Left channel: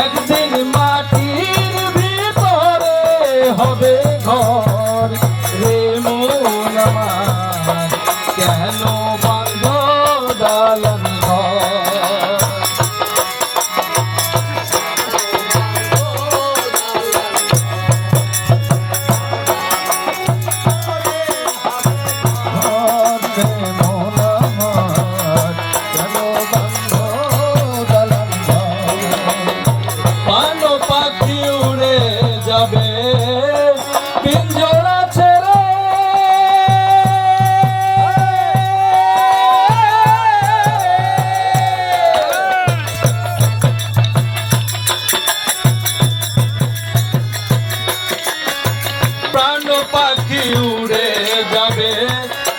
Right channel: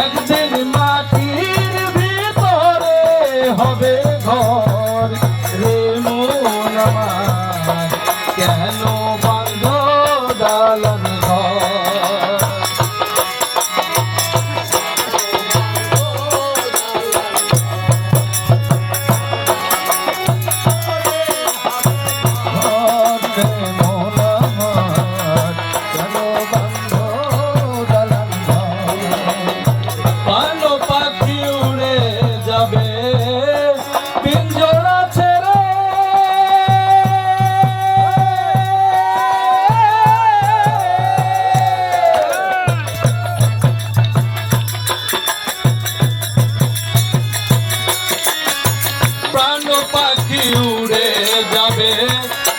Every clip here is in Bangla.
একদিন মাটির ভিতরে হবে ঘর রে মন আমার কেন বাঁধ দালান পাখি উড়ে যাবে পিঞ্জরা ছেড়ে প্রাণ পাখি উড়ে যাবে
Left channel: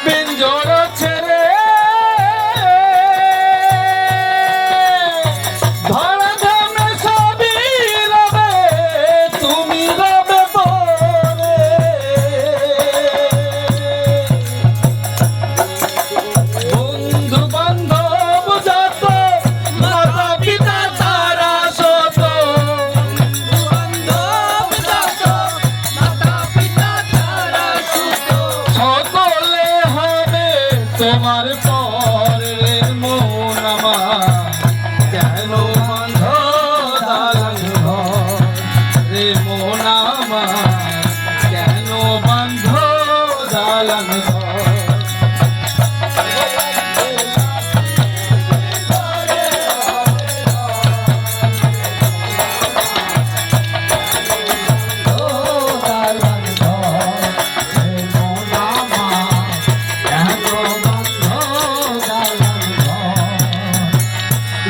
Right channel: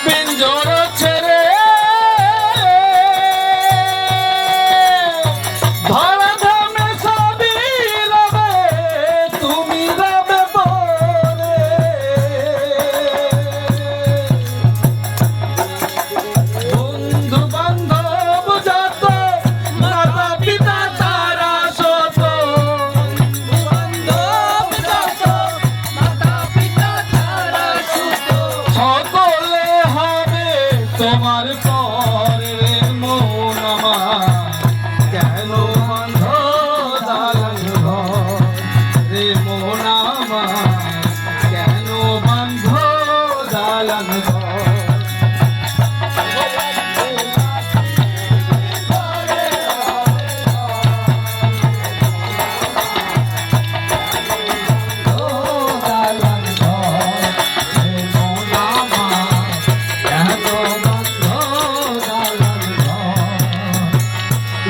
পিঞ্জরা ছেড়ে তোমার পরে মন আমার কেন বাঁধ দালান ঘর রে মন আমার কেন বাঁধ দালান ঘর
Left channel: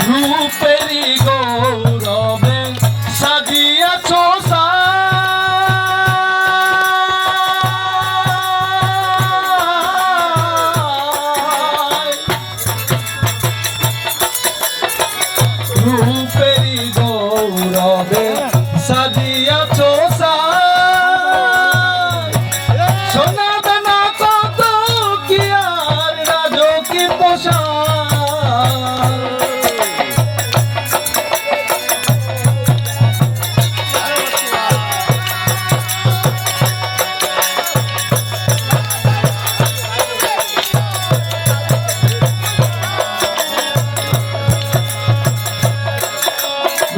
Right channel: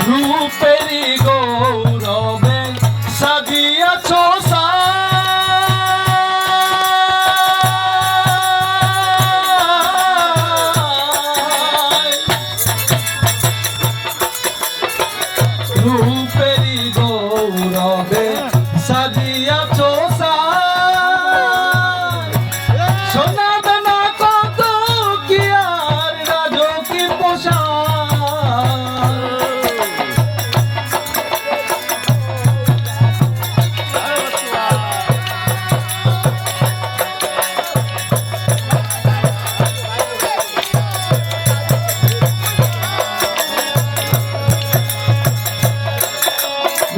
রূপেরি গৌরবে সাজিয়াছ রূপেরি গৌরবে সাজিয়াছ সোনা দানা কত কি আর রাজকি পোষা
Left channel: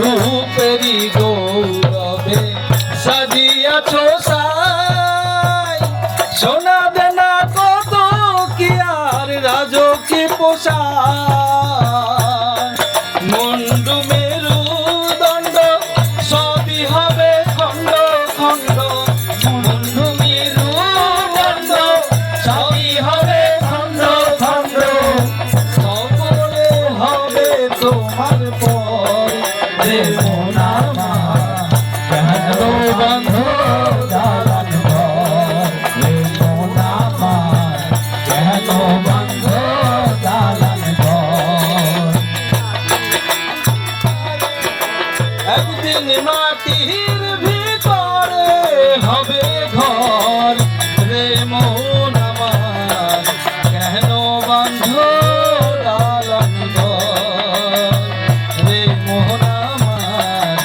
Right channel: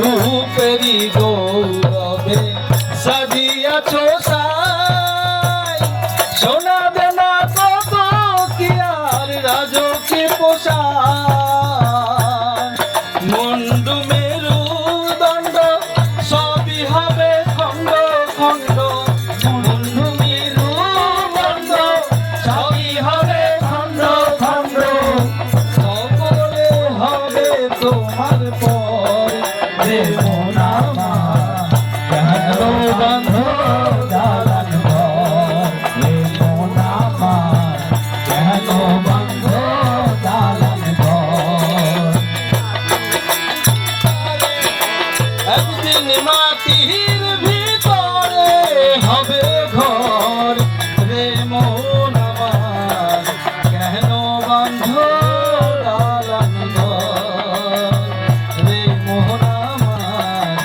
রূপেরি গৌরবে সাজিয়াছ সোনা দানা কত কি আর রাজকে পোষায় মুন্ডু মেরু দণ্ড সবই হবে খণ্ড খণ্ড মুন্ডু মেরু দণ্ড সবই হবে খণ্ড খণ্ড সকলে হবে তোমার পর রে মন আমার কেন বাঁধ দালান ঘর রে মন আমার কেন বাঁধ দালান ঘর একদিন মাটির ভিতরে হবে ঘর রে মন আমার কেন বাঁধ দালান ঘর রে মন আমার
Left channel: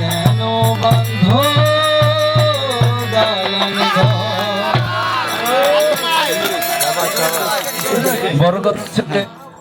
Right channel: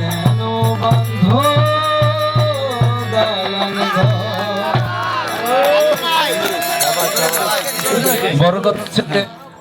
কেন বাঁধ দালান ঘর বড় কথা